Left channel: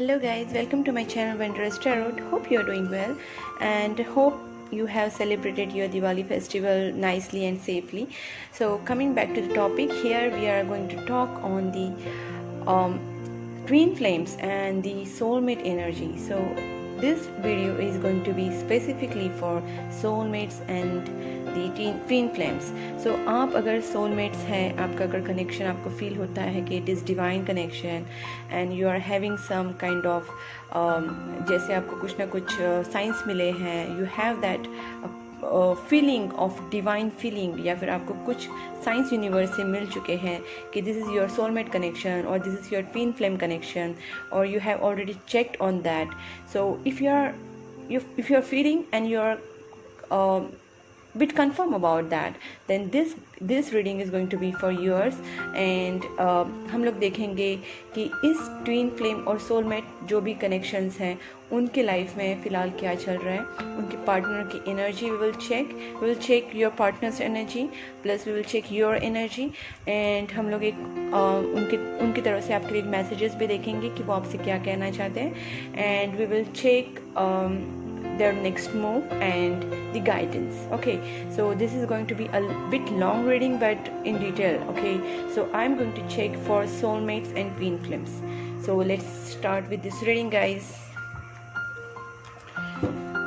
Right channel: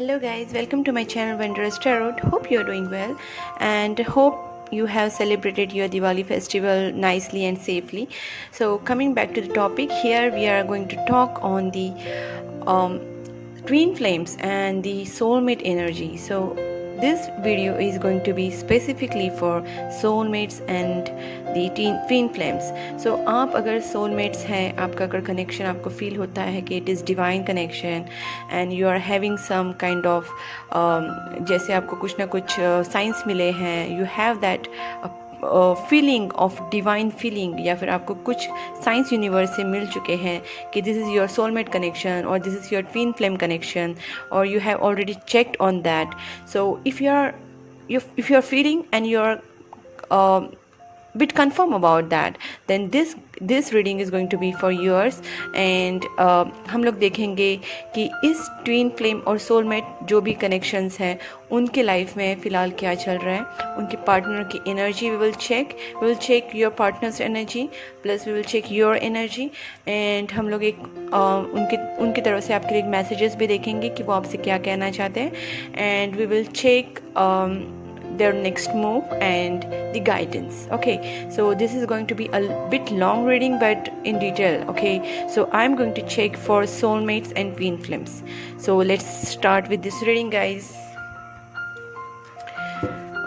Hello guys, welcome to my channel Wondrous Tarot. Hope you are doing well and hope you have celebrated your Diwali festival nicely and safely. So coming back to the topic, here we are going to talk on the twin flames and the soulmate energy. So this video is going to be specifically for soulmates and the twin flames. So आप अगर soulmates हैं, आपका अगर connection आपको feel होता है कि it is divine connection and you are having some kind of जैसे आपको कुछ ना कुछ signs मिले हैं, you have that feeling of divine feeling, या फिर आपको कुछ साइंस यूनिवर्स से मिल चुके हैं कि this is your soulmate connection और this is your twin flame connection, और you have already checked on that. So if you are feeling and you are bit confirm about that, then this reading is going to be for yours. and हम लोग देखेंगे कि इस twin flame और soulmate जो भी connections हैं उनके लाइफ में फ़िलहाल क्या चल रहा है, उनके पार्टनर की energy we will check your partner's energy plus we will check your energy. And हम लोग एक उनकी तरफ से आपके लिए मैसेजेस भी देखेंगे कि वो आपसे क्या कहना चाहते हैं. And we will check their next move and the guidance. Okay, so this is going to be a bit long reading but in detail. Okay, so I'm going to check for soulmates and twin flames. So let's start with this reading guys.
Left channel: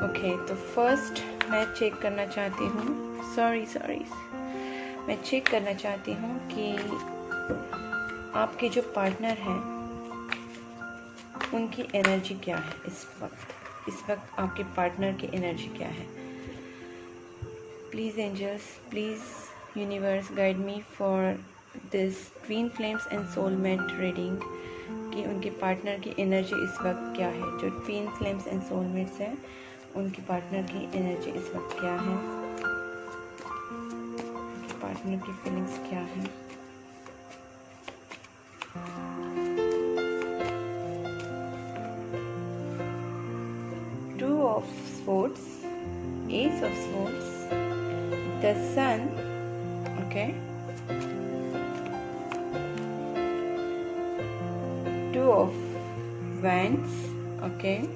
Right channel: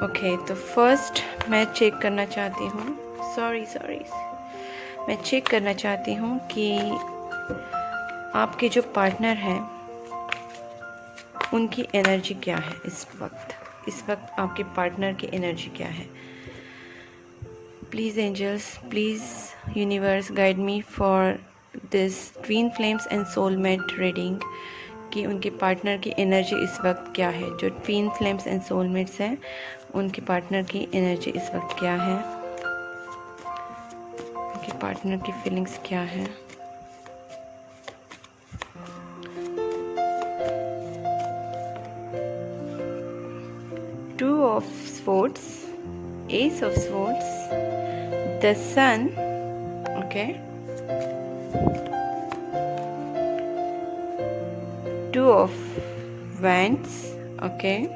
Okay, तो first मैं check करना चाहती हूँ sorry मैं check करना चाहती हूँ कि आपके जो पार्टनर हैं उनकी एनर्जी क्या है इस वक्त आपके पार्टनर की एनर्जी क्या है. Please angels, please universe guide me for this twin flames and soulmate reading कि उनके पार्टनर की एनर्जी इस वक्त क्या है. जो ट्विन फ्लेम्स एंड सोलमेट्स हैं उनके पार्टनर की एनर्जी इस वक्त क्या है, उनके पार्टनर की फीलिंग्स क्या है. Two of Swords, Ace of Swords, the Sun, okay, Two of Wands, okay,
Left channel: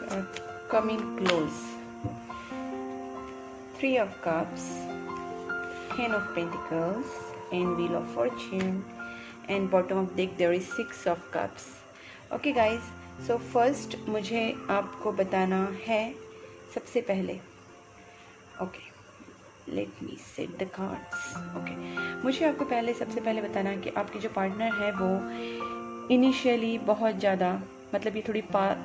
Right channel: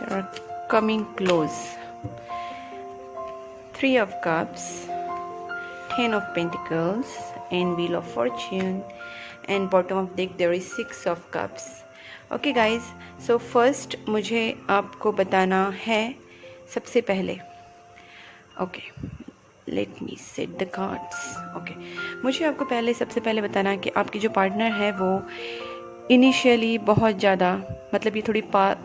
they are coming close. Three of Cups, Ten of Pentacles, and Wheel of Fortune. And bottom of deck there is Six of Cups. Okay guys, so first मुझे आपको बताना है सबसे पहले, okay, let me set the cards. okay, मुझे आपको सबसे पहले बताना है कि आपकी जो पार्टनर है वो इनिशियली बहुत ज़्यादा, मतलब ये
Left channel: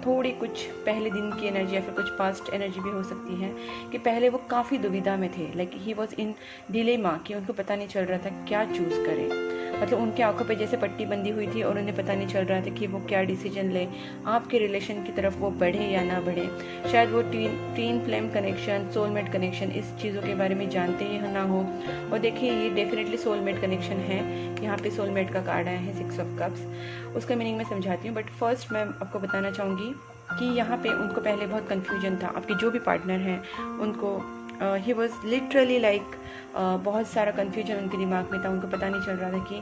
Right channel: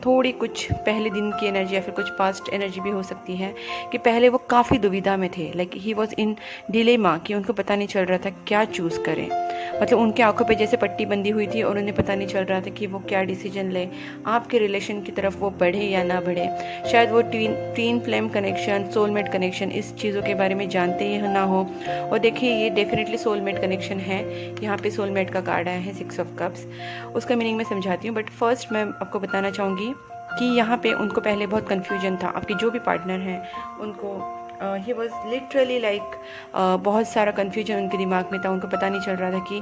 थोड़ी कुछ पहले दिन की एनर्जी या फिर कुछ पास्ट एनर्जी भी हो सकती है कि पहले वो काफ़ी दुविधा में थे, like he was in dilemma कि उनको पता नहीं चल रहा था क्या चूज़ करें. मतलब उनके आंखों पे जैसे पट्टी बंदी हुई थी और उन्हें पता नहीं चल रहा था कि वो क्या डिसीजन ले, आपके रिलेशन की तरफ वो बढ़े या ना बढ़े. शायद वो twin flame connection, soulmate connection, इस चीज़ों के बारे में जानते ही ना हो. और देखिए ये डेफिनेटली सोलमेट कनेक्शन है. यहाँ पे सोलमेट का कार्ड आया है, सिक्स ऑफ कप्स. उसका मीनिंग मैं समझाती हूँ, बट फर्स्ट मैं आपको बताना चाहूँगी कि यहाँ पे उनको पहले बहुत कन्फ्यूजन था. आपके जो भी पार्टनर हैं उनको ही वॉज लिटरली लाइक बहुत सारा कन्फ्यूजन उनके दिमाग में था. उनको पता नहीं चल रहा था कि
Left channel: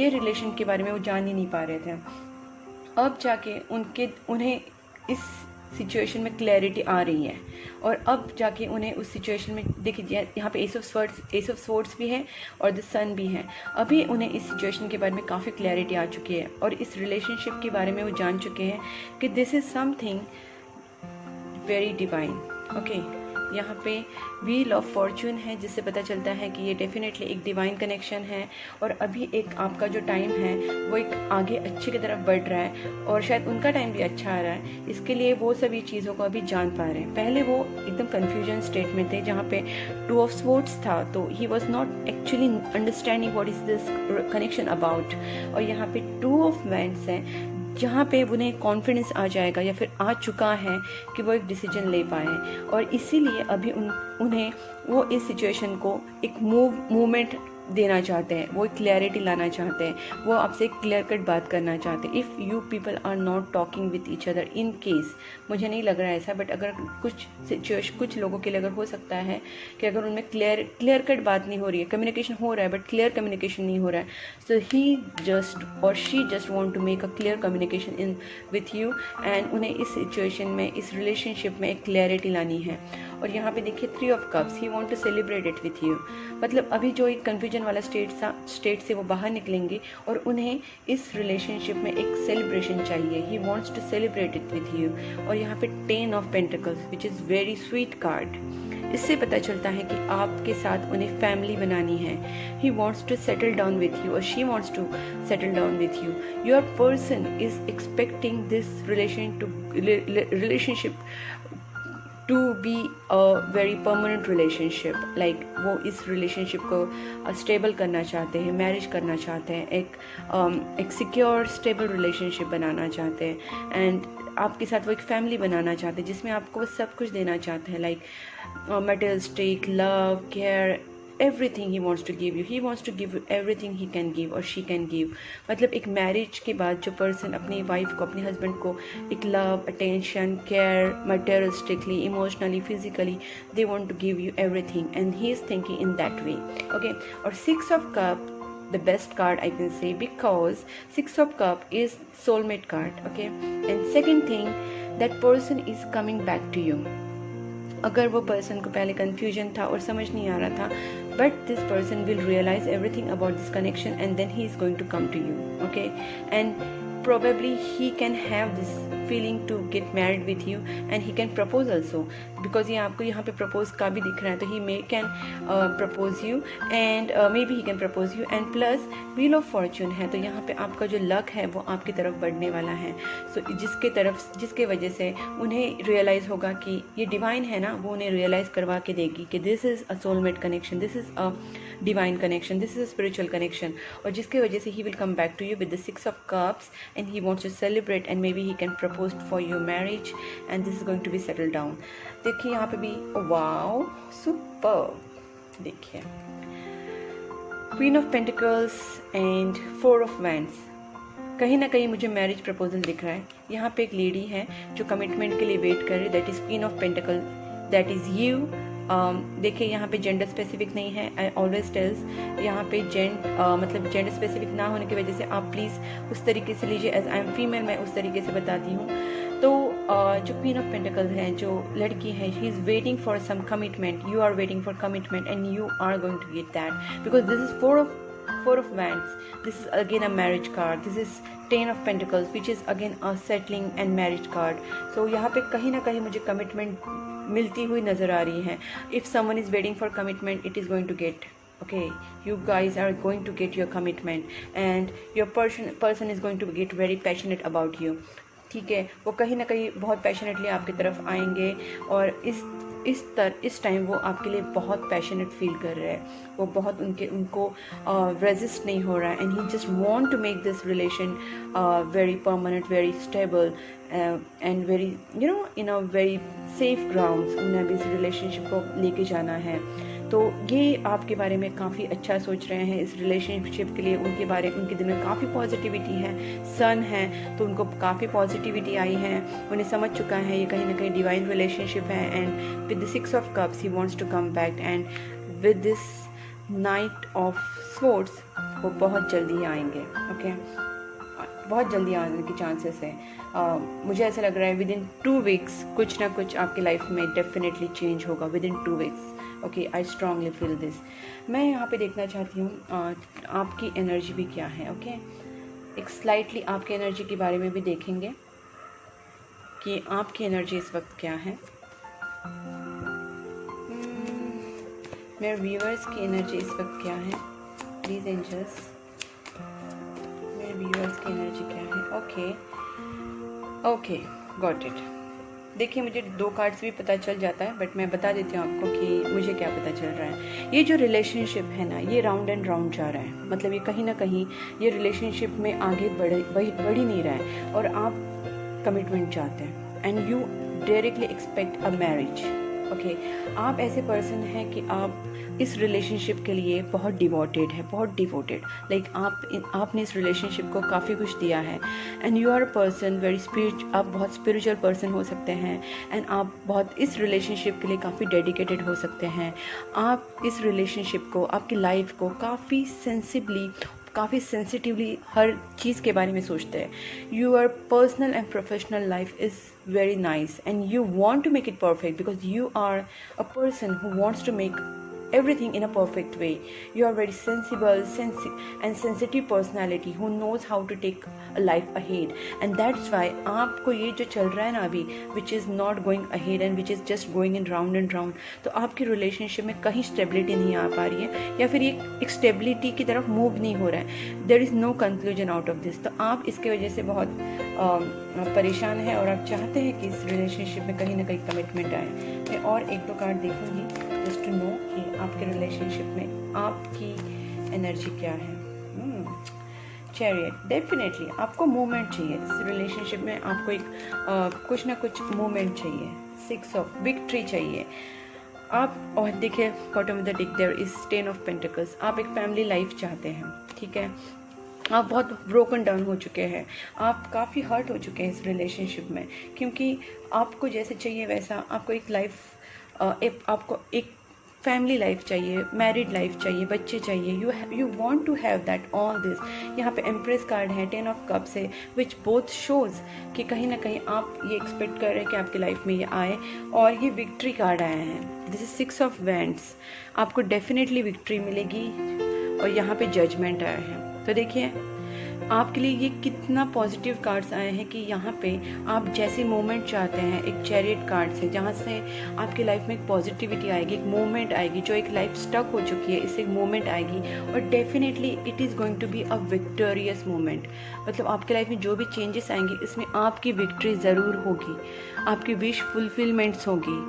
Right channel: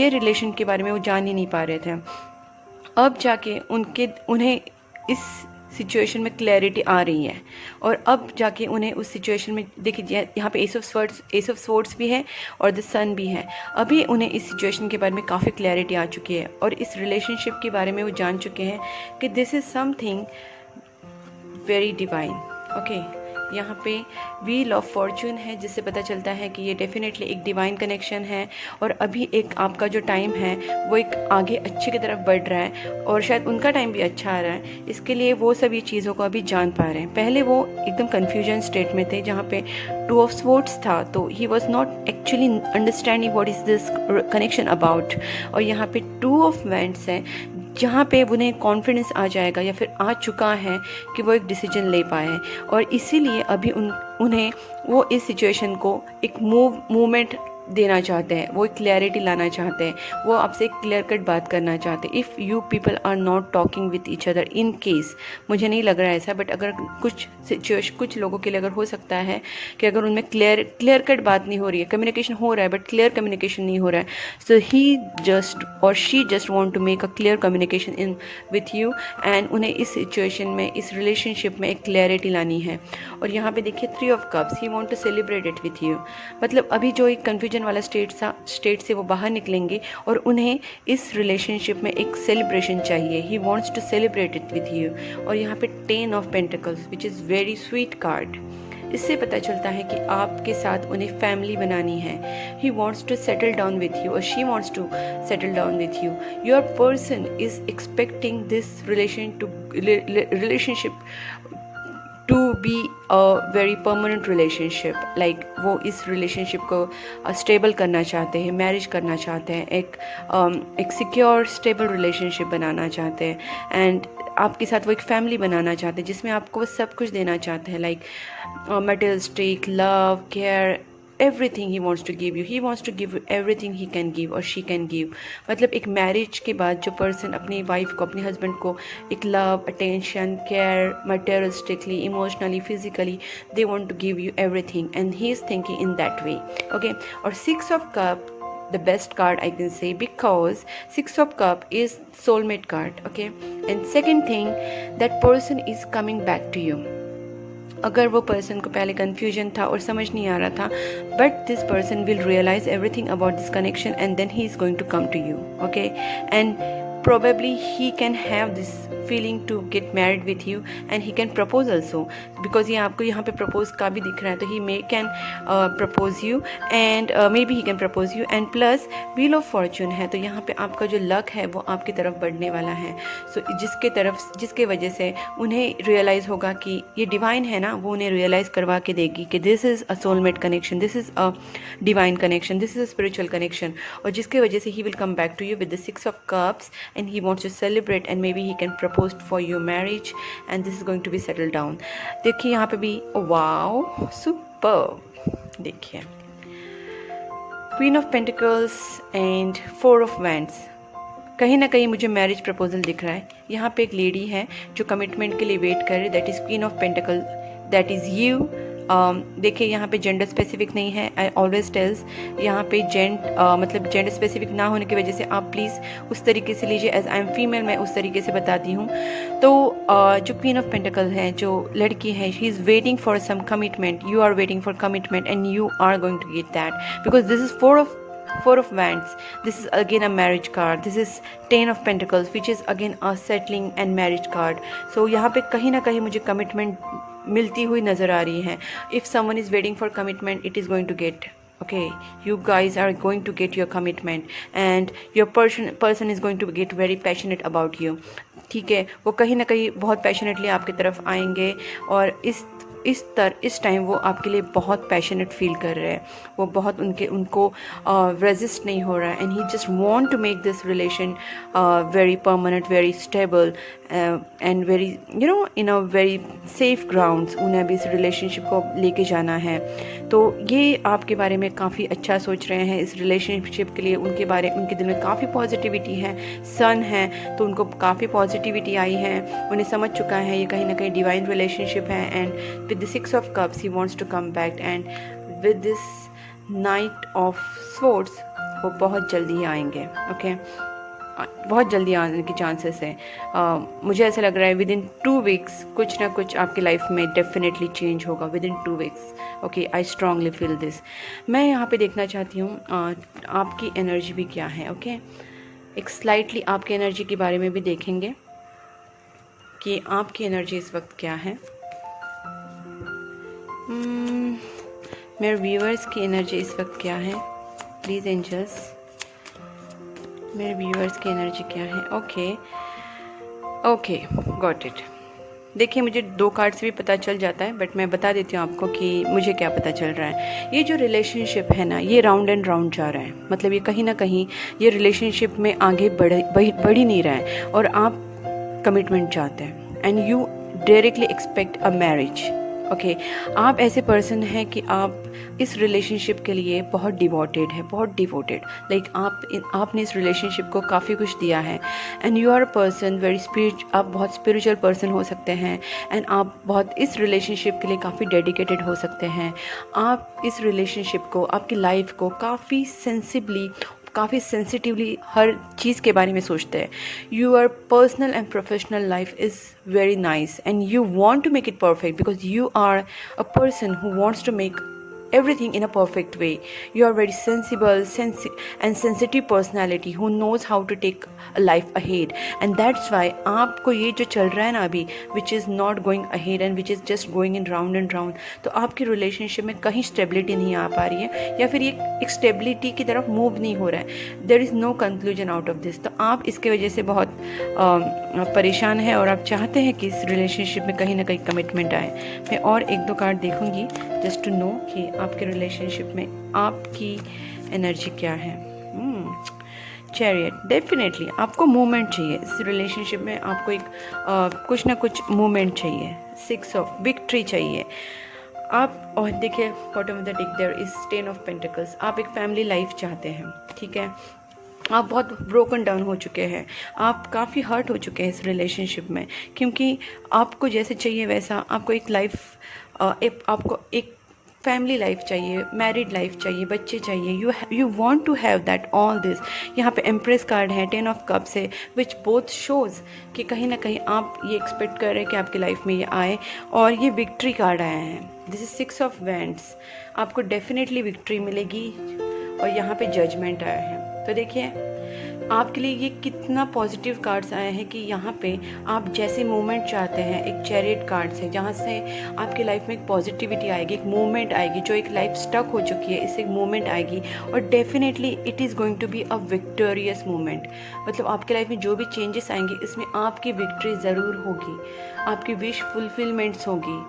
ये रिलेशन के बारे में वो जान ही नहीं पा रहे थे. अब जाके उन्हें इस सिचुएशन में क्लैरिटी आ रही है, और अब जाके उन्हें उस सिचुएशन में देखिए यहाँ पे एस ऑफ स्वॉर्ड्स भी है और द सन भी है. अभी उन्हें इस सिचुएशन के बारे में काफ़ी क्लैरिटी आ चुकी है और इस रिलेशनशिप के बारे में वो जान चुके हैं कि this is something very divine. Okay, यहाँ पे व्हील ऑफ फॉर्चून है जिससे पता चलता है कि ये डेफिनेटली एक डिवाइन कनेक्शन है और अभी एक आपका जो टाइम है वो एक आगे अच्छे की तरफ बढ़ रहा है और शायद उनका टाइम भी अच्छा आ रहा है. इसके लिए वो सब ये चीज़ों को अभी जान पा रहे हैं. पहले वो एकदम कन्फ्यूजन स्टेट में थे जहाँ पे टू ऑफ स्वॉर्ड्स था, तो he was not actually understanding what is this connection about. और यहाँ पे टू ऑफ वैंड्स है जहाँ पे उन्हें कॉन्फिडेंस आ जाएगा या फिर आ चुका है कि वो एक डिसीजन ले पाए, और इसीलिए अभी उन्हें वो इस सिचुएशन को एक मूवमेंट देना चाहते हैं, वो क्लैरिटी लाना चाहते हैं, वो आपसे क्लियर कट बात करना चाहते हैं। If you people are not talking with each other, in case, मुझे नहीं लग रहा है ऐसा, बट अगर कुछ लोगों के लिए अगर हो सकता है कि अगर उनमें क्लियर कट बात नहीं हो रही है, कम्युनिकेशन हो रहा है बट क्लियर कम्युनिकेशन नहीं हो रहा है, सो ही जस्ट और she just want to make a clear communication in with you, and उन्हें इस सिचुएशन में, इस रिलेशनशिप में एक क्लैरिटी लानी है। और यहाँ पे देखिए 3 of cups, he want to celebrate it with you. मतलब अभी जो एक कन्फ्यूजन वाला स्टेट से वो बाहर निकलेंगे और उन्हें इस रिलेशनशिप में एक सेलिब्रेशन चाहिए। He wants to celebrate it with you. और यहाँ पे 10 of pentacles which is very sweet card. इससे पता चलता है कि आपके साथ उन्हें फैमिली बनानी है। He wants to settle down with you और she wants to settle down with you. Your person is expecting this relationship to be a very permanent relationship. Like वो इस रिलेशनशिप को स्टेबल करना चाहते हैं, मैरिज करना चाहते हैं, एक सिक्योर स्टेबल रिलेशनशिप बनाना चाहते हैं, एंड आपके साथ वो एक फैमिली बनाना चाहते हैं जिसमें आपको वो सब कुछ देना चाहते हैं। Like materialistic love, care, everything he wants to give you. He wants to give you everything he can give or she can give. मतलब एक मैरिज के बाद जो पर्सन अपनी वाइफ को, अपने हस्बैंड को एक love, attention, care, materialistically, emotionally, physically, they want to give you everything, and he is thinking in that way. Okay, और 6 of cup, the best card I can say, because 6 of cup is soulmate card. Okay, and second thing, that person is coming back to you. अगर वो person को पहले confusion था और समझ नहीं आ रहा था, but this person will realise everything about this connection and then he is going to come to you. Okay, and probably he can have this feeling to get married with you, and he can propose also, because ये आपको यहाँ पे propose का भी दिख रहा है, तो he may can propose you, and maybe he can propose you, and plus wheel of fortune है, तो यहाँ पे आपका जो luck है वो आपकी तरफ बढ़ने वाला है. so जिसके वजह से उन्हें realize होगा कि ये divine है ना, वो उन्हें realize करवा के देगी कि this is a soulmate connection, this is a divine connection, this is a spiritual connection, और जिसके वजह से he will come back to you with the 6 of cups, and he wants to celebrate, and maybe he can propose for your marriage, and this is going to be settled down. देखिए यहाँ पे भी wow, superb. देखिए Queen of Pentacles and 4 of Wands. कहीं ना कहीं मुझे marriage proposal दिख रहा है. यहाँ पे एक लेडी है जो कमिटमेंट के लिए वेट कर रही है, that is Queen of Pentacles, that is you. देखिए यहाँ पे जेंडर स्पेसिफिक नहीं है, आई ऑलवेज टेल्स यहाँ पे मतलब जेंडर स्पेसिफिक ना होने की वजह से आप प्लीज़ उस तरीके से लीजिए, एज आई एम फीमेल मैं उस तरीके से बताती हूँ. तो जो क्वीन ऑफ पेंटिकल्स है, जो लड़की है, she is waiting for some commitment, you are waiting for commitment, and you are going to get that, because this is four of Wands. This is again a marriage card. This is 10 of Pentacles, which is again a settling and marriage card. So यहाँ पे कहीं ना कहीं मुझे commitment मिलती हुई नज़र आ रही है. If someone is waiting for commitment, it is going to get. Okay, you guys are going to get your commitment, and your person is going to get very passionate about you. ठीक है, वो कहीं ना कहीं बहुत passionately आपकी तरफ आएंगे, और इस टाइम वो आपके लिए बहुत पैशनेट फील कर रहे हैं. वो बहुत उनको रेजिस्ट नहीं हो रहा है, and he just want to make this relation very permanent, very stable, and very in a very safe grounds. उन्हें भी इस रिलेशनशिप को लेके जाना है. तो ये आपके बारे में काफ़ी अच्छा सोच रहे हैं इस रिलेशनशिप के लिए. उनके दिल में काफ़ी पॉजिटिविटी है. सन है तो उनको काफ़ी पॉजिटिविटी आई है. उन्हें समझ चुका है ये कहीं ना कहीं डिवाइन रिलेशनशिप है, and with the 6 of Cups he wants to come back, and with this Knight of Swords वो बहुत जल्दी आएंगे. ओके, बहुत जल्दी आने के चांसेस हैं. मुझे ऐसा लग रहा है विद इन 2 weeks कुछ ना कुछ आपकी लाइफ में डेफिनेटली चेंज होगा with in 2 weeks. Okay, I strongly feel this. मैं यहाँ पे देखना चाहती हूँ आपकी एनर्जी भी क्या है. ओके, एक स्लाइटली आपकी एनर्जी के बारे में भी देखेंगे कि आपकी एनर्जी इस वक्त क्या है. मेरे व्यूअर्स की एनर्जी इस वक्त क्या है, प्लीज़ एंजल्स, मेरे व्यूअर्स की एनर्जी क्या है. Okay, got it. देखिए मुझे 2 कार्ड से भी पता चल जाता है, बट मैं बता देती हूँ आपको कि मुझे क्या पता चल रहा है. ये जो रिलेशनशिप है ना, ये राउंड एंड राउंड जा रहा है. मतलब ये कहीं ना कहीं ये रिलेशनशिप में आगे बढ़ ही नहीं रहा है, और आप कमिटमेंट चाहते हैं, and you directly expect a marriage. Okay आप ऐसे पर्सन हैं कि आप इस रिलेशनशिप के लिए बहुत डिवोटेड है, बहुत डिवोटेड, लाइक आपने इस रिलेशनशिप को काफ़ी कुछ दिया है and you are a person very आप बहुत स्पिरिचुअल पर्सन हो सकते हैं एंड आप बहुत इस रिलेशनशिप के लिए काफ़ी डेडिकेटेड हो सकते हैं। आप इस रिलेशनशिप को, आपकी लाइफ को काफ़ी सेंसिटिवली हर चीज़ के बारे में सोचते हैं। Your personal and professional life is very nice and you want to make it perfect because you are a person who wants to make everything in a perfect way. You are very sensible and sensitive personality who knows how to take a life ahead and that's why आपको ये जो चल रहा है ना अभी which is not going ahead and which is just going in round and round, तो आपकी रिलेशनशिप में कहीं स्टेबिलिटी नहीं आ पा रही है या फिर ये एक स्टेबिलिटी की तरफ मूव नहीं हो रहा है। There is no conclusion out of this. तो आप इसके वजह से बहुत परेशान हैं और आप चाहते हैं कि इस रिलेशनशिप में कहीं ना कहीं कमिटमेंट आए। मैं और एक दो कार्ड देखूंगी जस्ट टू नो कि आपके रिलेशनशिप में आपकी एनर्जी क्या है। चैरियट, डेफिनेटली आपको मूवमेंट चाहिए इस रिलेशनशिप में, आपको एक कुछ ना कुछ मूवमेंट चाहिए। 6 ऑफ विक्ट्री चाहिए आप। और देखिए bottom of the deck there is 10 of pentacles. आप एक फैमिली लाइफ चाहते हैं, ठीक है। आप बहुत ब्रोकन डाउन हो चुके हैं, आप काफ़ी हर्ट हो चुके हैं इस रिलेशनशिप में, क्योंकि आपको जैसे चाहिए वैसा आपको एक लाइफ आपको एक फैमिली लाइफ चाहिए, मैरिड लाइफ चाहिए, बच्चे चाहिए। You want to have that all this. यहाँ पे एम्प्रेस कार्ड है, 10 ऑफ कप्स है, विच बोथ शोज़ कि कहीं ना कहीं आप ये एक्सपेक्ट कर रहे हैं कि आपकी लाइफ में ये आए। और ये विक्ट्री कार्ड आया है, दिस इज 6 ऑफ वैंड्स। आपको डेफिनेटली विक्ट्री मिलेगी। और यहाँ पे जजमेंट आया है। तो देखिए आपके लिए ये कितना पॉजिटिव कार्ड्स आए हैं कि यहाँ पे आप जैसे मोमेंट चाहते हैं, एक चैरियट कार्ड से जहाँ से आपकी लाइफ में एक पॉजिटिविटी आएगी, एक मोमेंट आएगी, जो एक लाइफ स्टक हो चुकी है इससे एक मोमेंट आएगी और definitely it is going to be a victorious moment. मतलब आपकी लाइफ में जो भी चेंजेस आएंगे इसमें आपकी विक्ट्री ज़रूर होगी, आपकी विश फुलफिलमेंट्स होगी।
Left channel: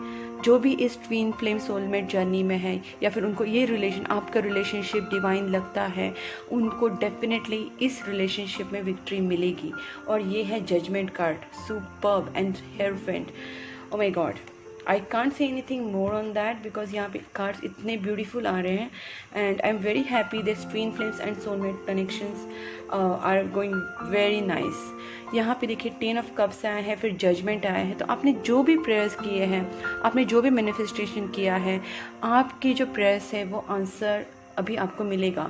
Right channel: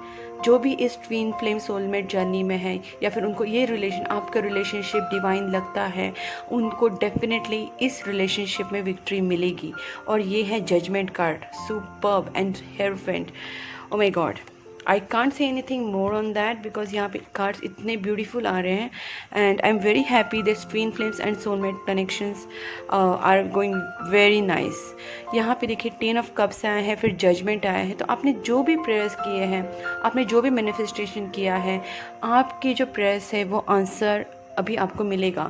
जो भी इस ट्विन फ्लेम सोलमेट जर्नी में है या फिर उनको ये आपका रिलेशनशिप डिवाइन लगता है, उनको डेफिनेटली इस रिलेशनशिप में विक्ट्री मिलेगी। और ये है judgment card, superb and hierophant. Oh my God, I can't say anything more on that because यहाँ पे कार्ड्स इतने ब्यूटीफुल आ रहे हैं and I am very happy that twin flames and soulmate connections are going very nice. यहाँ पे देखिए 10 of cups आए हैं, फिर जजमेंट आया है। तो आपने जो भी प्रेयर्स किए हैं, आपने जो भी मैनिफेस्टेशन किया है, आपकी जो प्रेयर्स है वो आंसर अभी आपको मिलेगा।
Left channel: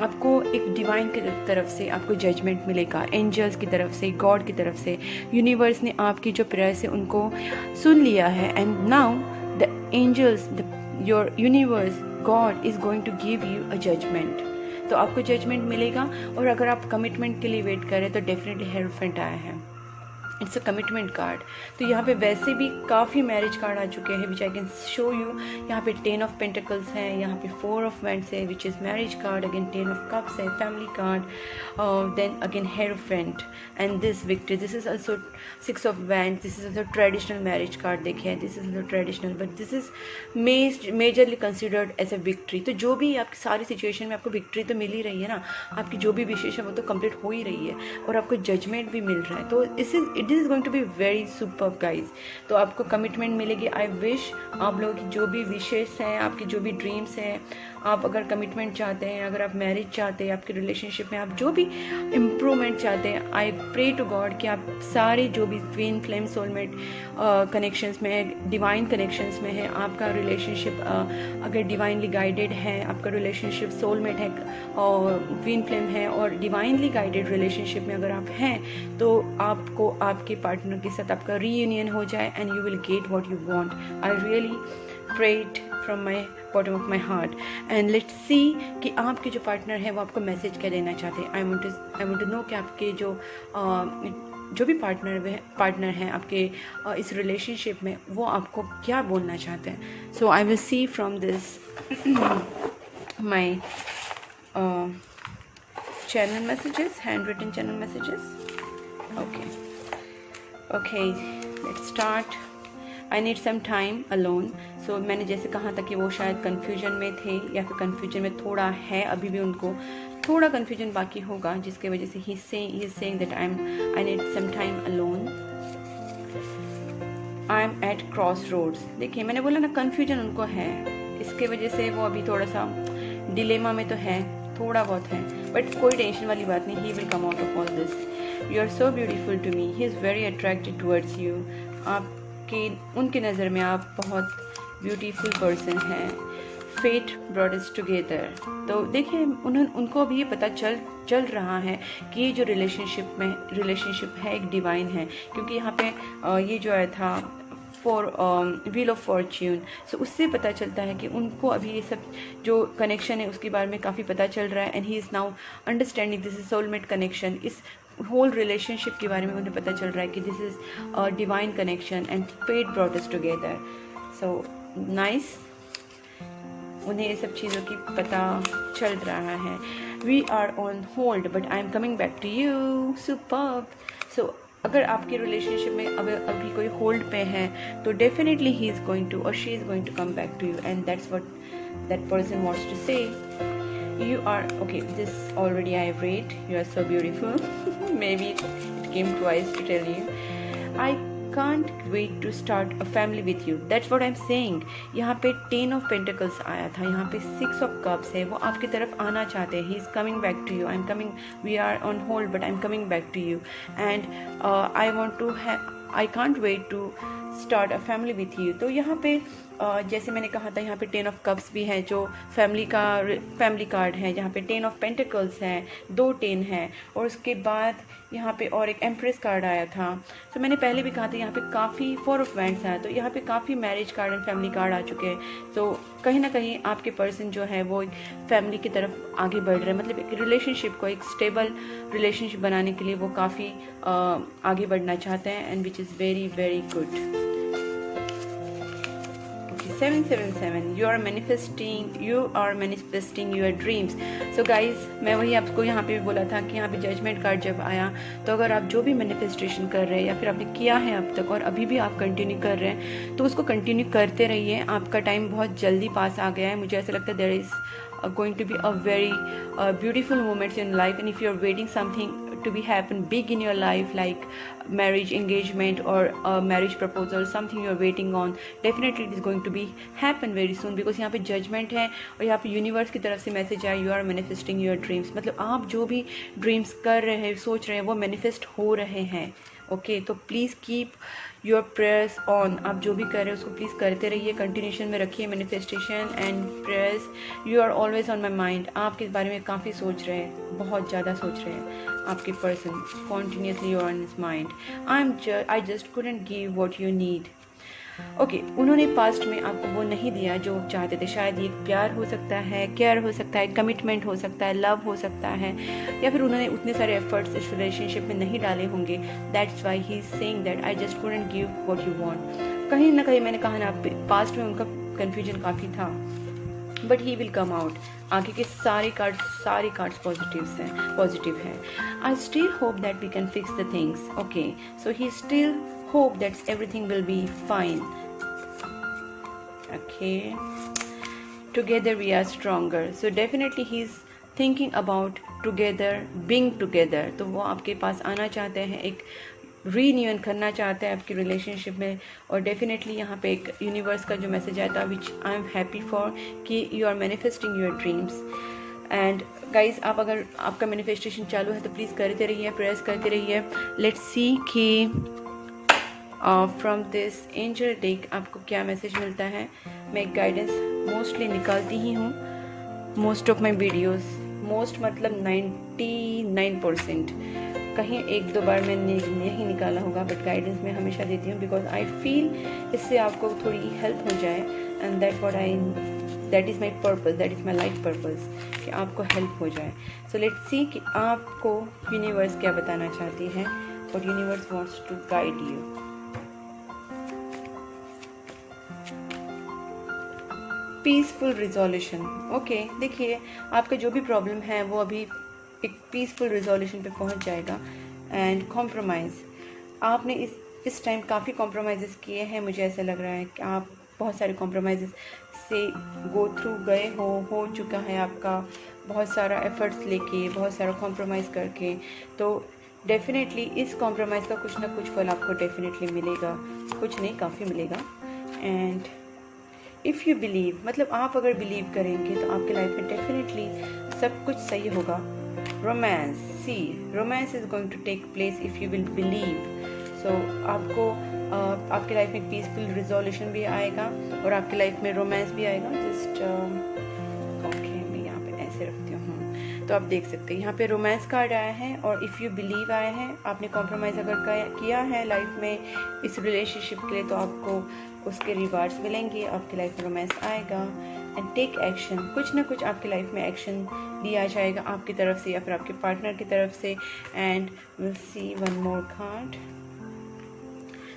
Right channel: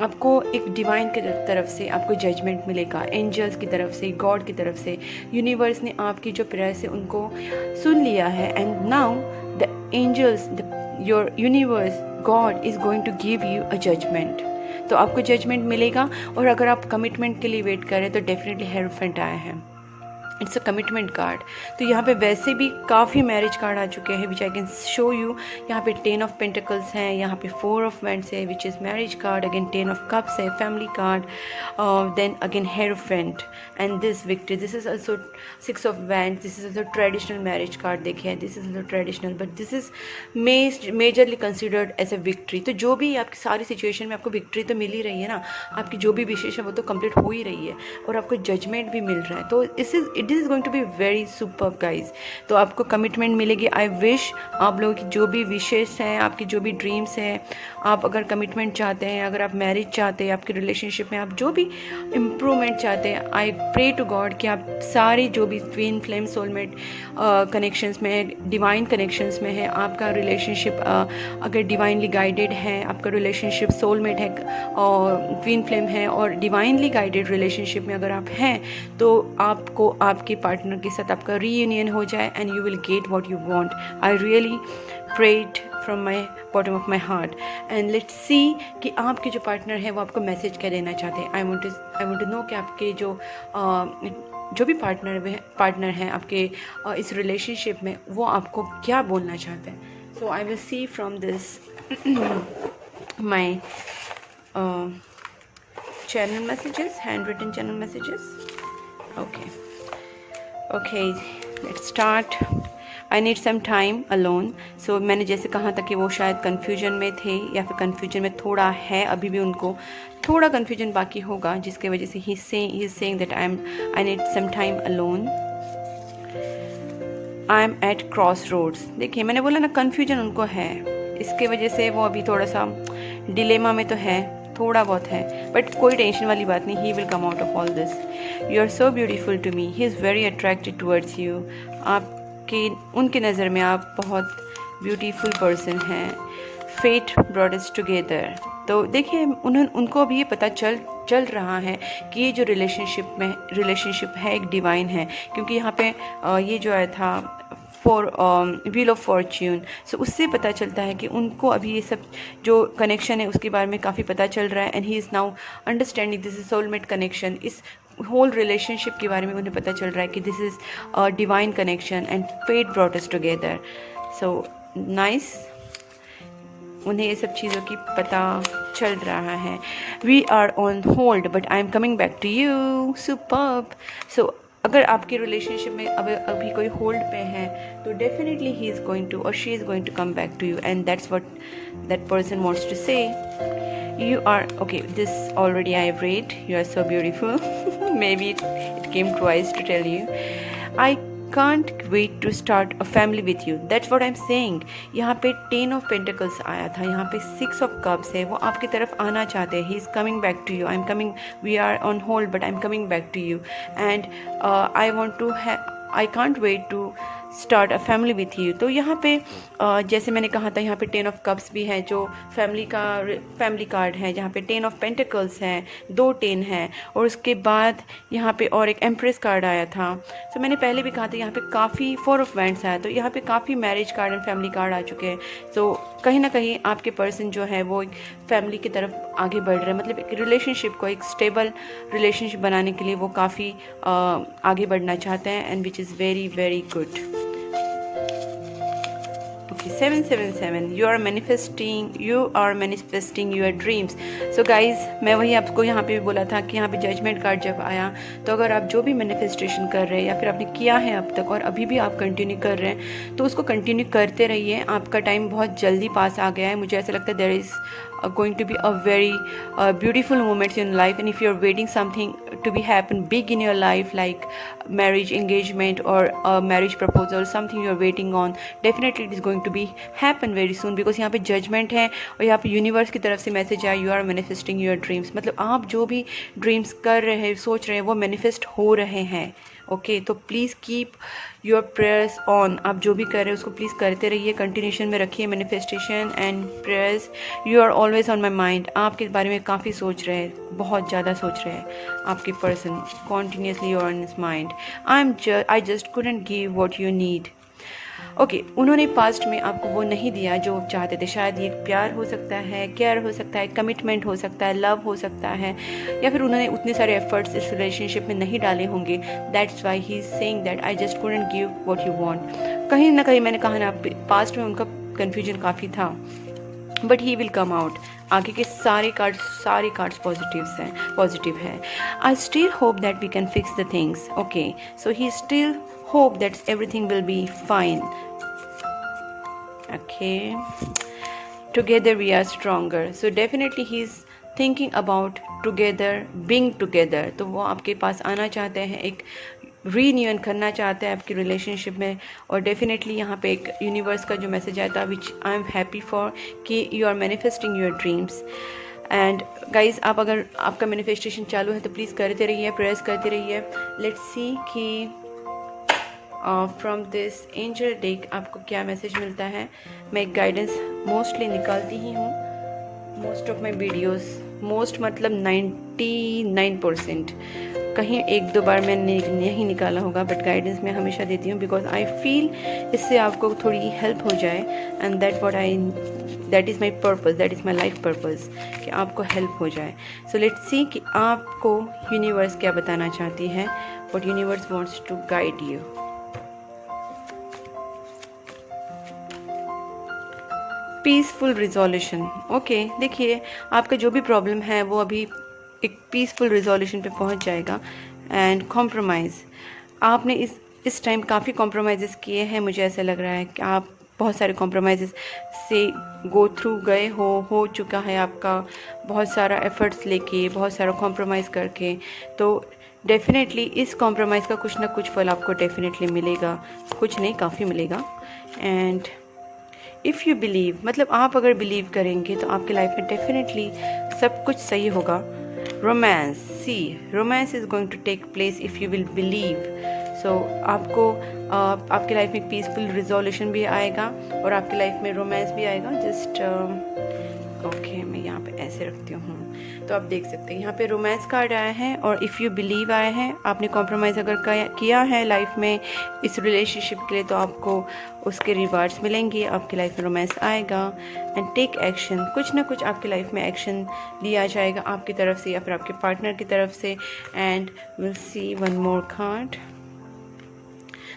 आपको एक डिवाइन की तरफ से आपको जजमेंट मिलेगा, एंजल्स की तरफ से, गॉड की तरफ से। यूनिवर्स ने आपकी जो प्रेयर्स है उनको सुन लिया है and now the angels, your universe, God is going to give you a judgment. तो आपको जजमेंट मिलेगा। और अगर आप कमिटमेंट के लिए वेट कर रहे हैं तो डेफिनेटली हेरोफेंट आया है, इट्स अ कमिटमेंट कार्ड। तो यहाँ पे वैसे भी काफ़ी मैरिज कार्ड आ चुके हैं विच आई कैन शो यू। यहाँ पे 10 ऑफ पेंटिकल्स हैं, यहाँ पे 4 ऑफ वैंड्स है which is marriage card, again 10 of cups है family card, then again hierophant and this victory. This is also 6 of wands, this is also traditional marriage card. देखें this is also traditional but this is majorly considered as a victory. तो जो भी आपकी सारी situation में आपको victory तो मिल ही रही है ना, आपकी जो भी विशेष है वो तो कंप्लीट हो ही रही है और आपको जजमेंट भी मिल रहा है। तो it is going to be very superb guys. तो आपको कमिटमेंट मिलेगी। आई विश आप लोगों की जो भी विशेष हैं, आपकी जो भी ड्रीम्स हैं, आप अगर कमिटमेंट चाहते हैं, अगर आप मैरिज चाहते हैं, आपकी रिलेशनशिप में आप जो भी इम्प्रूवमेंट चाहते हैं, आई प्रे टू गॉड कि आप सारे जो भी ट्विन फ्लेम सोलमेट कनेक्शंस में है, डिवाइन कनेक्शंस में है, आपका रिलेशनशिप अगर डिवाइनली गाइडेड है, आपका रिलेशनशिप सोलमेट है और ट्विन फ्लेम है और डिवाइनली गाइडेड रिलेशनशिप में अगर आप हैं, तो आपको आपके पार्टनर के साथ आपका रीयूनियन हो जाए and you will get what you want. I really prayed from my bottom of my heart and let's see कि आपके जो पार्टनर है वो आपको मैसेज क्या देना चाहते हैं। आई वांट टू नो कि आपके जो भी पार्टनर हैं आपके इस रिलेशनशिप में, वो आपको क्या बोलना चाहते हैं। So I will see from this my channel messages, hand written channel messages. Okay let's start. I need some time alone. So मैंने जैसे कहा था कि वो शायद कन्फ्यूजन में थे या फिर कन्फ्यूजन में थोड़ा है, अभी भी उनको थोड़ा कन्फ्यूजन बाकी होगा, जिसके वजह से ही is saying that I need some time alone. I am at crossroads. देखिए मैंने बोला ना कन्फ्यूजन उनको है, इसके वजह से वो अभी थोड़ा सा डिलेमा में तो है, थोड़ा बहुत है, बट कोई टेंशन वाली बात नहीं। He will come out of all this. You are so beautiful to me, he is very attracted towards you. आपकी उनकी नज़र में आप बहुत ब्यूटीफुल पर्सन हैं। Fate brought us together. तो देखिए उनको अभी ये पता चल रहा है कि ये जो रिलेशनशिप है एक डिवाइन है, क्योंकि यहाँ पे ये जो आया था फॉर व्हील ऑफ फॉर्च्यून, सो उससे पता चलता है कि उनको अभी ये सब जो कनेक्शन है उसके बारे में काफ़ी पता चल रहा है। And he is now understanding this is soulmate connection. इस होल रिलेशनशिप के बारे में उन्हें पता चल रहा है कि this is a divine connection and fate brought us together. So nice, उन्हें ये सब चीज़ों की पता चल रहा है। We are on hold but I am coming back to you. Superb. So अगर आपके रिलेशनशिप में अभी कोई होल्ड पे है तो definitely he is going to और she is going to come back to you, and that's what that person wants to say. You are okay, this already I have read. You are so beautiful. Maybe it came twice to tell you. I can't wait to start a family with you. That's what I'm saying. यहाँ पे 10 of Pentacles आया था, यहाँ पे 6 of Cups है, वो आपकी तरफ आना चाहते हैं. He is coming back to you. I'm coming. We are on hold, but I'm coming back to you. And I want to have. I can't wait to start a family with you. तो यहाँ पे जैसे मैंने कहा था, यहाँ पे 10 of cups भी है जो फैमिली कार्ड है, जहाँ पे 10 ऑफ पेंटिकल्स है, 2 10 है, और उसके बाद यहाँ पे और एक एम्प्रेस कार्ड आया था। तो मैंने पहले भी कहा था यहाँ पे काफ़ी 4 ऑफ वैंड्स आया, तो यहाँ पे काफ़ी marriage card and family card आ चुके हैं। तो कहीं ना कहीं आपके पर्सन जो है वो एक फैमिली की तरफ आगे बढ़ रहे हैं, मतलब एक रिलेशनशिप को, एक स्टेबल रिलेशनशिप बनाने के लिए वो काफ़ी आगे बढ़ना चाहते हैं, and which is very very good. Okay, 777, you are manifesting your dreams. So guys, मैं वही आपको यहाँ पे भी बोला था कि यहाँ पे जजमेंट कार्ड जब आया, तो अगर आप जो भी मैनिफेस्टेशन कर रहे हैं या फिर आपने किया है अब तक और अभी भी आप कंटिन्यू कर रहे हैं, तो उसको कंटिन्यू करते रहिए। आपका टाइम बहुत जल्दी पास आ गया है। मुझे ऐसा लगता है there is going to be a very beautiful moment in life, and if you're waiting something to be happen big in your life like marriage engagement or a marriage proposal, something you're waiting on, definitely it is going to be happen very soon, because यहाँ पे judgment है और यहाँ पे universe की तरफ से message आया, you are manifesting your dreams। मतलब आप जो भी ड्रीम्स कर रहे हैं, सोच रहे हैं, वो मैनिफेस्ट हो रहे हैं। ओके, तो please keep your prayers on. आप जो भी कर रहे हैं उसको प्लीज़ करते रहिए, कंटिन्यूशन में रखिए manifestation and prayers. You are always on my mind. आपके बारे में काफ़ी सोच रहे हैं, बहुत ज़्यादा सोच रहे हैं आपके person, continuously you are on his mind. I just couldn't give what you need. Okay, उन्होंने पास्ट में आपको वो नहीं दिया जो आप चाहते थे। शायद ये प्यार हो सकता है, केयर हो सकता है, कमिटमेंट हो सकता है, लव हो सकता है, या फिर उन्होंने उतने सारे एफर्ट्स इस रिलेशनशिप में नहीं डाले होंगे। That's why he is saying that I just couldn't give what you want. कहीं ना कहीं मैंने कहा ना, पास्ट में उनका कन्फ्यूजन काफ़ी था, but he will come out. आगे के सारे कार्ड्स पॉजिटिव है। I still hope that we can fix the things. Okay, so he still hope that everything will be fine. Okay, together we are stronger. So definitely he's thinking about together, being together. तो वो आपके पास आना चाहते हैं, एक reunion करना चाहते हैं आपकी रिलेशनशिप में। और डेफिनेटली यहाँ पे एक यूनिवर्स का जो मैसेज आया था, which I am happy for, कि you are manifesting your dreams. And guys, आप अगर आपका मैनिफेस्टेशन चालू है तो प्लीज़ करते रहिए, प्रेयर्स करते रहिए। लेट्स सी कि फ्रॉम दिस एंजल डेक आपको क्या मैसेज मिलता है। मैं गाइडेंस मोस्टली निकालती ही हूँ, most of my videos, most मतलब 99%, कहीं 1-2 बार मैंने नहीं निकाला होगा, बट गाइडेंस मैं हमेशा देती हूँ, बिकॉज आई फील इससे आपको थोड़ी हेल्प हो जाए, and that is my purpose, that is my life purpose, कि आपको हेल्प हो जाए। सो लेट्स सी कि आपको यूनिवर्स क्या बताना चाहती है, but universe wants to guide you. Peaceful resolution. Okay, देखिए आपका जो भी प्रॉब्लम है वो अभी एक पीसफुल रिजोल्यूशन पे पहुंच जाएगा। एंड कॉम्प्रोमाइज़, आपने इस टाइम काफ़ी कॉम्प्रोमाइज़ किए हैं। मुझे ऐसा लग रहा है कि आप बहुत सारे कॉम्प्रोमाइज़ से गो थ्रू गए हो चुका है आपका, बहुत सारा एफर्ट्स लेके, बहुत सारा कॉम्प्रोमाइज़ करके। तो डेफिनेटली इस कॉम्प्रोमाइज़ का कुछ ना कुछ फल आपको डेफिनेटली मिलेगा, कुछ नहीं काफ़ी मिलेगा। एंड इफ़ यू बिलीव, मतलब आप अगर बिलीव करेंगे तो आपके लाइफ में डेफिनेटली सब कुछ सही होगा। Romance, see romance is going to take place if you will believe. So आपको आपके लाइफ में पीसफुल रिजोल्यूशन भी आएगा और आपकी लाइफ में रोमांस भी आएगा। जस्ट ओके, मैं यहाँ पे ऐसे रखती हूँ तो आप देख सकते हैं यहाँ पे रोमांस कार्ड आया है और इफ़ यू बिलीव आया है। आपने कॉम्प्रोमाइज़ अगर किया है लाइफ में इस रिलेशनशिप के लिए तो आपको उसके रिवार्ड्स मिलेंगे, आपकी लाइफ में रोमांस आएगा। एंड टेक एक्शन, कुछ ना कुछ आपकी लाइफ में एक्शन लिया जाएगा आपकी तरफ से या फिर आपके पार्टनर की तरफ से। And will see one more card,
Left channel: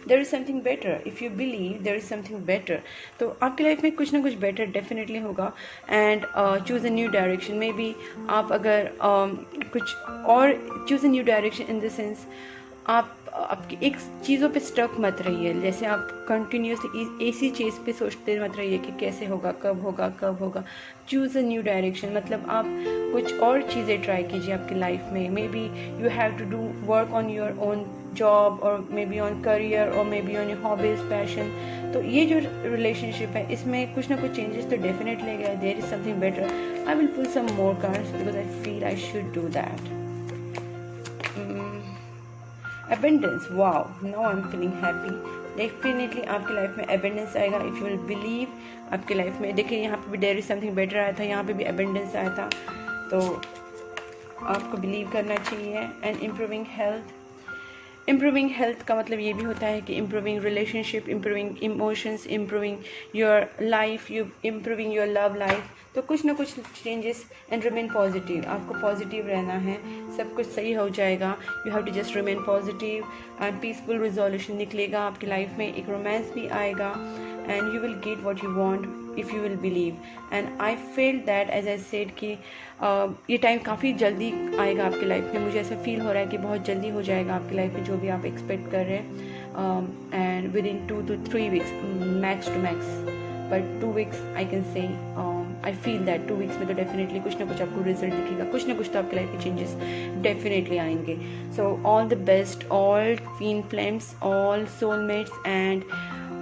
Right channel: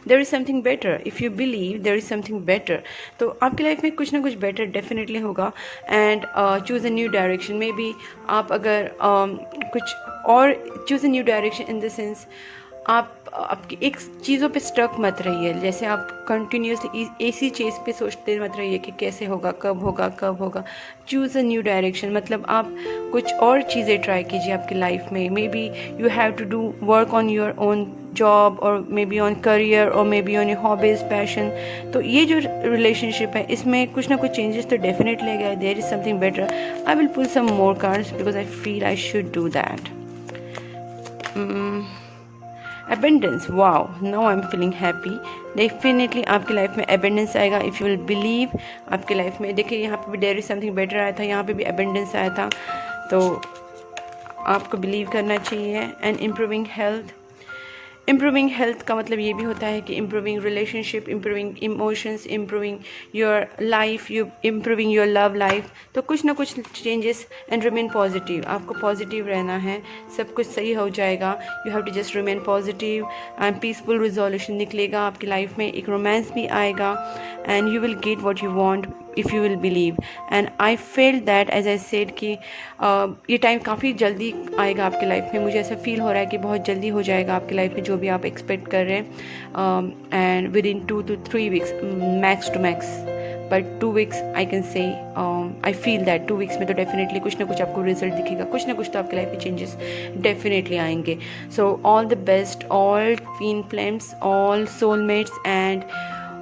there is something better. If you believe there is something better, तो आपकी लाइफ में कुछ ना कुछ बेटर डेफिनेटली होगा। And choose a new direction, maybe आप अगर कुछ और choose a new direction in the sense आप आपकी एक चीज़ों पे स्टक मत रहिए। जैसे आप कंटिन्यूसली इसी चीज़ पे सोचते मत रहिए कि कैसे होगा, कब होगा, कब होगा। चूज़ अ न्यू डायरेक्शन, मतलब आप कुछ और चीज़ें ट्राई कीजिए आपकी लाइफ में। Maybe you have to do work on your own job और मे बी ऑन करियर और maybe on your hobbies, passion. तो ये जो रिलेशनशिप है इसमें कुछ ना कुछ चेंजेस तो डेफिनेटली आएगा। There is something better. I will pull some more cards because I feel I should do that. Abundance, wow, now I am feeling happy. Definitely आपकी लाइफ में अबेंडेंस आएगा इफ़ यू विल बिलीव। आपकी लाइफ में देखिए यहाँ पे भी देयर इज समथिंग बेटर आया था, यहाँ पे भी अबेंडेंस आया था, तो आपको बिलीव करना चाहिए। And improving health, improving health का मतलब ये भी होता है कि improving relationship, improving emotions, improving your life, you improving your love life. तो कुछ ना कुछ चेंजेस। एंड रिमेन पॉजिटिव, आपको पॉजिटिव रहना है, सब कुछ सही हो जाएगा। You have to just remain positive and peaceful resolution निकलेगा आपकी लाइफ में, एक रोमांस भी आएगा। And you will get what you want if you will believe. And I feel that as I said कि ये टाइम काफ़ी जल्दी आएगा आपकी लाइफ में। मुझे ऐसा फील हो रहा है कि बहुत जल्दी हो जाएगा आपकी लाइफ में जो भी आप एक्सपेक्ट कर रहे हैं। And within 2 to 3 weeks max to max, but 2 weeks I can say, I feel that 2 weeks में तो डेफिनेटली कुछ ना कुछ आपको रिजल्ट दिखेगा, कुछ ना कुछ तो आपकी लाइफ में चेंजेस डेफिनेटली आएंगे। So all the best, all twin flames, all soulmates, and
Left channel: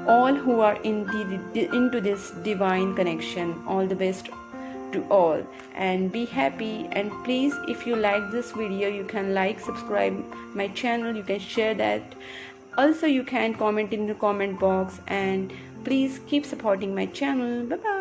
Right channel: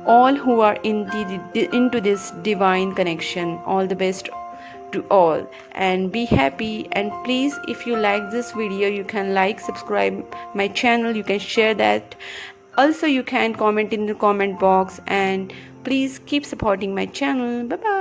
all who are into this divine connection. All the best to all and be happy. And please, if you like this video, you can like, subscribe my channel, you can share that. Also you can comment in the comment box, and please keep supporting my channel. Bye bye.